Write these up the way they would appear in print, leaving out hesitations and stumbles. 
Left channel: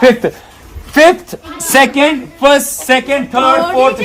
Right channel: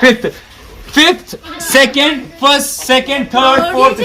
5th। 5th, 2nd, 1st, 2nd, 3rd, 4th,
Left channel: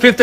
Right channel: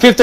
5th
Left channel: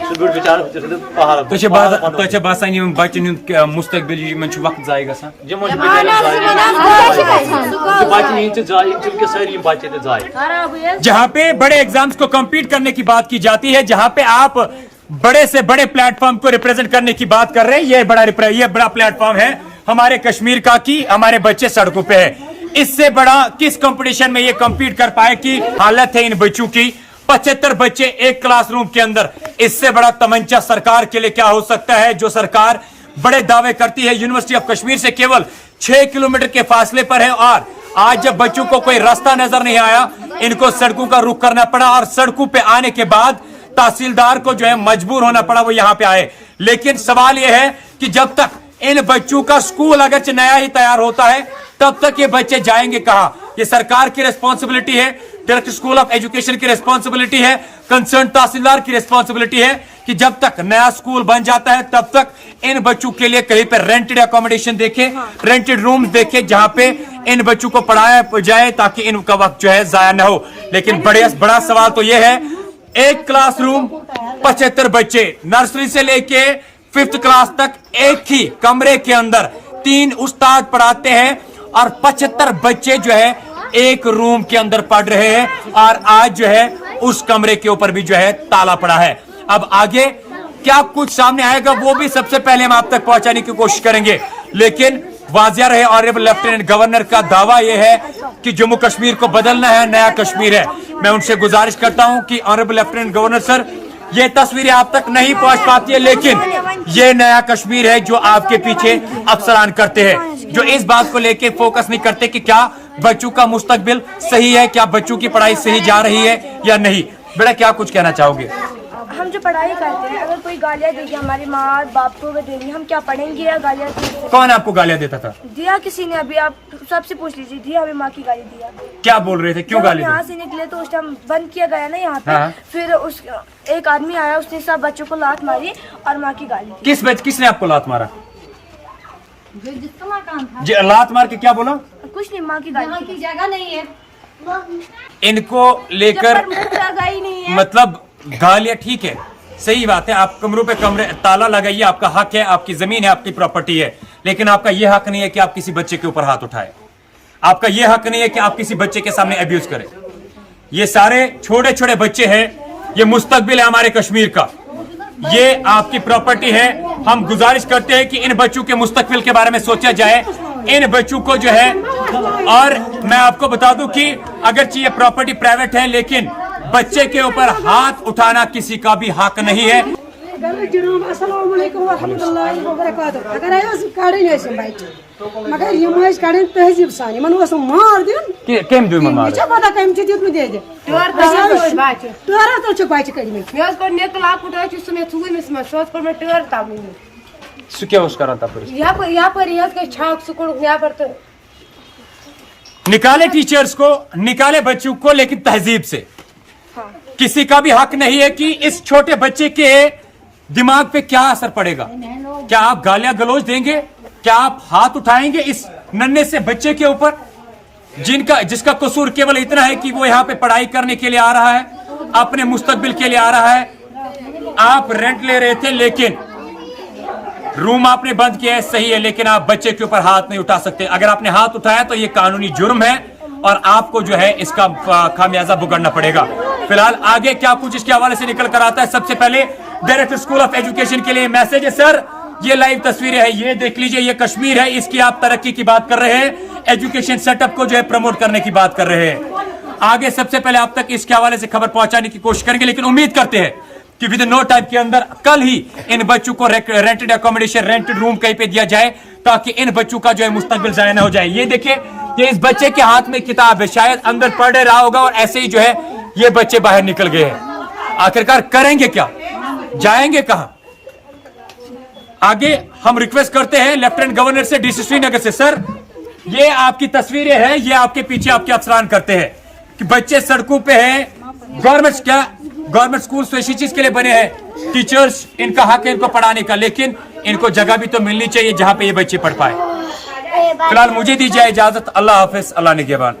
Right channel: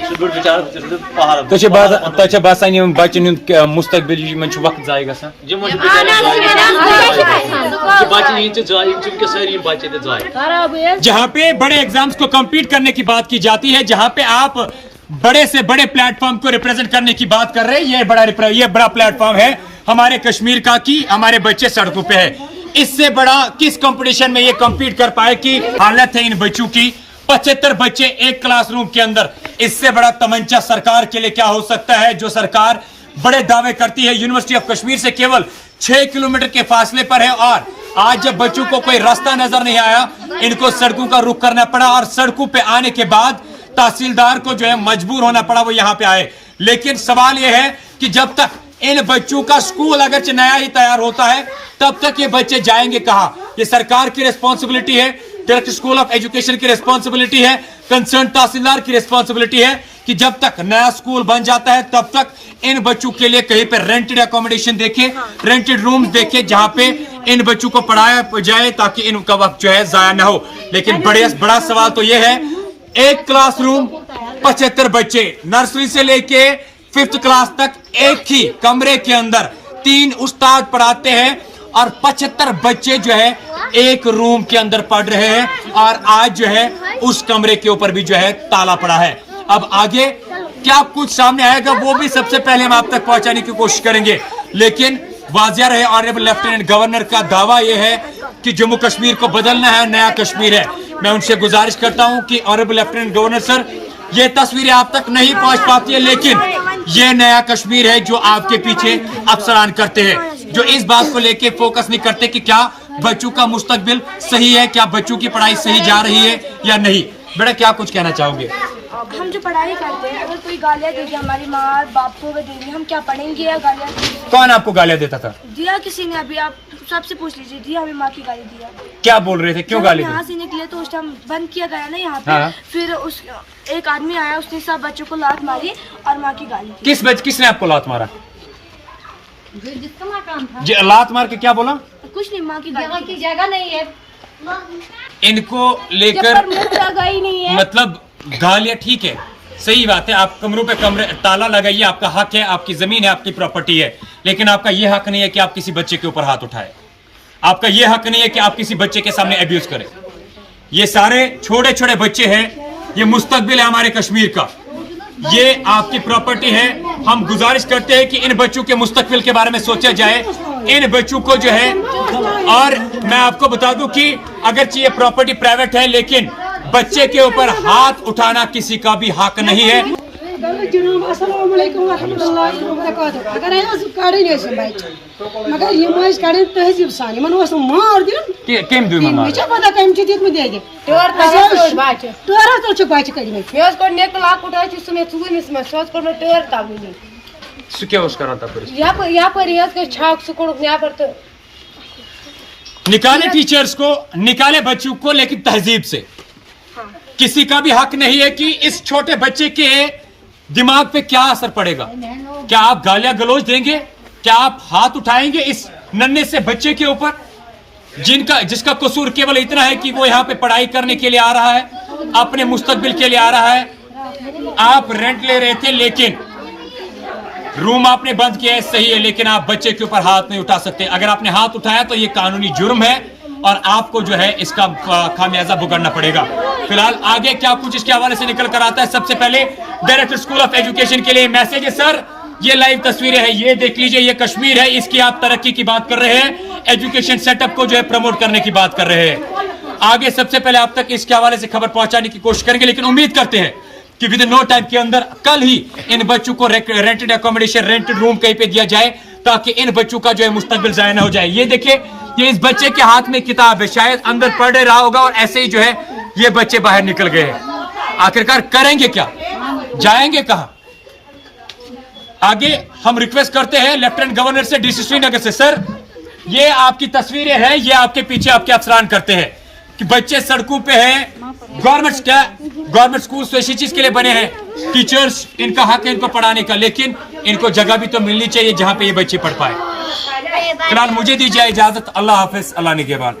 سہ گڑ بچار پہاڑ تہ باسان یم بچن ہند مستقبل یمن وقت ضائع گژھان یمن بچہ ضائع ساری بچے ضائع. جہاں پہ بڑے ایگزامز کو کمپیٹ کرنے کی بات کی جاتی ہے, جہاں پہ آپ بڑے سے بڑے پلیٹ فارم کو ریپرزینٹ کرنے کی بات کر رہے ہیں, یہ بڑا پلیٹ فارم ہے ہمارے کشمیر کا کہ ہمارے بچے سڑکوں پہ ہیں. اس سے بڑا کس کمپٹیشن میں یہ کمپیٹ کر پائے کہ حالت ہے ان بچوں کی, 75 بچے ایک کلاس روم کے اندر. اس سے بڑا تمنچا سرکار کے لیے کیا ہو سکتا ہے, جو سرکار بڑے دعوے کرتی ہے یونیورسٹی آف کشمیر سے کیول 6 کلومیٹر کے فاصلے پر ہے, اور آج جب بچوں کو کوئی راستہ نظر نہیں آیا ان کو سڑکوں کا رخ کرنا پڑا, اور سڑکوں پہ آنے کے بعد تحصیلدار کو جو ہے مجبور ہونا پڑا وہ یہاں پہ آئے. لیکن سوال یہ ہے کہ جب تک ان بچوں کا سکول اگرچہ نیا ہی تیار ہوتا ہے تب تک یہ بچے جائیں گے کہاں. یہ سرکار کی ریسپانسبلٹی ہے, ڈائریکٹر اسکول آف ایجوکیشن کی ریسپانسبلٹی ہے, کنسرن تحصیلدار کی ریسپانسبلٹی ہے کہ جب تک نیا سکول بن جاتا ہے تب تک ان بچوں کے لیے کہیں پہ رینٹڈ اکوموڈیشن دیکھے, رینٹڈ روم دیکھے جہاں پہ ان بچوں کو پڑھایا جائے تاکہ ان کا وقت جو ہے ضائع نہ ہو. لیکن بڑا سوال تو یہ ہے, ایک کلاس روم 75 بچے نرسری سے لے کے 5th کلاس تک ایک ہی کمرے کے اندر 3 استاد پڑھاتے ہیں, اور 75 بچے جو ہے ایک روم کے اندر پڑھ رہے ہیں, اور آج جو ہے اس کمرے کے اوپر بھی جو ہے تالا پڑا ہے. اب آگے کیا کچھ سامنے آئے گا وہ بھی سب سے پہلے ہم آپ تک پہنچانے کی کوشش کریں گے. لیکن واضح رہے آنریبل لیفٹیننٹ گورنر کا دعویٰ یہ ہے کہ جموں کشمیر کو بدلنا ہے, نیا کشمیر ہے. میں ان سے گزارش کرتا ہوں کہ آنریبل لیفٹیننٹ گورنر سر, یہ تصویریں آپ تک نہیں پہنچ پاتی ہے لیکن یہ نیا کشمیر ہے جو آپ کے پیچھے افسران کرتے ہیں, جو اس بات کو لے کے فوکس نہیں کرتے کہ کیا بچوں کا مستقبل صحیح ہے, کیا بچوں کی پڑھائی صحیح جا رہی ہے یا نہیں. بیٹا کیا کچھ کہنا چاہو گے؟ ہم جو پڑھائی کرتے ہیں اگر کوئی گالیاں دے گی ہماری ماں باپ کو دے گی, ہم کیا پڑھیں گے یا گالیاں کون آپ کو گالیاں دیتا تھا؟ دیا کسی نے, ابھی آپ سب سے پوچھ لیجیے, دیا ہمیں ماں کی گالی دیا. کیا بول رہے تھے, کیوں گالی یہاں سے نکلے تو اس ٹائم بند کیا گیا نا یہاں پہ, پھر ایک آدمی آیا اس نے سب بچوں کو لات ماری اور ماں کی گالی. کس نے آپ کو لات مارا؟ جی لات مار کے کیا بولا؟ کچھ نہیں, ماں کی گالی کی جگہ نہیں ہے. ان کو لے کر مطلب گالیاں, ٹھیک ہے صحیح بات ہے, آپ کمروں پہ کمرے تالا لگائیے, آپ کا حق ہے, آپ کی زمین ہے, آپ کی پراپرٹی ہے, لیکن آپ کا یہ حق نہیں ہے کہ آپ کسی بچے کے اوپر ہاتھ اٹھائے. آپ کا یہ حق نہیں ہے کہ آپ کسی بچے کے سامنے ابیوز کریں. یہ سارے چھوٹے چھوٹے بچے ہیں, یہ مستقبل ہے ہمارے کشمیر کا, یہ آپ کی پراپرٹی ہے. ہم گزارش کرتے ہیں کہ ان بچوں کے مستقبل کے بارے میں سوچا جائے, ان بچوں کو جو ہے. اور میں آپ کو بتا دوں کہ اگرچہ یہ پراپرٹی پرائیویٹ ہے لیکن بچے کے اوپر ہاتھ اٹھانا کسی کا بھی حق نہیں ہے. السلام علیکم ورحمۃ اللہ وبرکاتہ. اگر کڑھن بچہ مگر یہ کڑھن تہذیب سان, مار دن کم دن پتہ کم دتمت دے ٹٲر تل بچہ کڑمت. سہ کیا کران تپٲرۍ؟ چھاک سہ کوٚڑُکھ نیبر تو نکالے ٹیچرز کو, نکالے بچوں کو, لیکن تہذیب سے. کسی کا بھی حق نہیں ہے کہ اس چھوٹے بچے کے دماغ پہ کیا اثر پڑے گا. کیا آپ گالیاں گلوچ دیں گے, کیا آپ ہاتھ اٹھائیں گے اس ننھے سے بچے کے اوپر جس کا قصور کیول اتنا ہے کہ وہ یہاں پہ پڑھائی کرنے کے لیے آ رہا ہے, اپنے مستقبل کے لیے آ رہا ہے. آپ رینٹ لے رہے تھے لیکن روم آپ نے بند کیا ہے, صحیح ہے, لیکن آپ بچے کے اوپر ہاتھ نہیں اٹھا سکتے. اگر آپ نے ہاتھ اٹھایا تو یہ قانونی جرم ہے اور آپ کو جو ہے اس کا خامیازہ بھگتنا پڑے گا. فی الحال آگے کیا کچھ اس کے حوالے سے نکل کر آتا ہے. سب سے پہلے ڈائریکٹر اسکول آف ایجوکیشن کے لیے میسج ہے, سر یہ لائیو تصویریں ہیں, یہ دیکھ لیجئے, یہ کشمیر ہے, اس کی آپ ترقی کی بات کر رہے ہیں, ایجوکیشن سیٹ اپ کو جو ہے پروموٹ کرنے کی بات کر رہے ہیں. آگے سب سے پہلے آپ تک اس کے حوالے سے خبر پہنچانے کی کوشش کریں گے, لیکن امید کرتے ہیں کہ ود ان نو ٹائم کے اندر کل ہی ان بچوں کو رینٹڈ اکوموڈیشن, رینٹڈ روم کہیں پہ دیا جائے تاکہ ان بچوں کا جو ہے مستقبل ضائع نہ ہو جائے. یہ دیکھیں, یہ اس بچے کے ہاتھ میں کتاب ہے, شاید اندر پڑھ رہا ہوگا اور ایسے ہی جو ہے یہ بچے باہر نکل گئے ہیں. آخرکار کریں گے کیا, جائیں گے کہاں؟ آگے ہم ریکویسٹ کرتے ہیں لیفٹیننٹ گورنر سے, ڈی سی سری نگر سے, سر یہ آپ کی تصویریں ہیں, یہ آپ کے پیچھے آپ کے افسران کرتے ہیں کہ بچے سڑکوں پہ ہیں. گورنمنٹ اسکول تو اسی چیز کے لیے بنے ہیں, ٹیچرز ان کا حق ہے ان کو پڑھانے کا, لیکن ان کو جگہ بھی تو ملنی چاہیے جہاں پہ یہ بچے پڑھ پائے. فی الحال مجھے دیجیے اجازت, اللہ حافظ, اللہ نگہبان.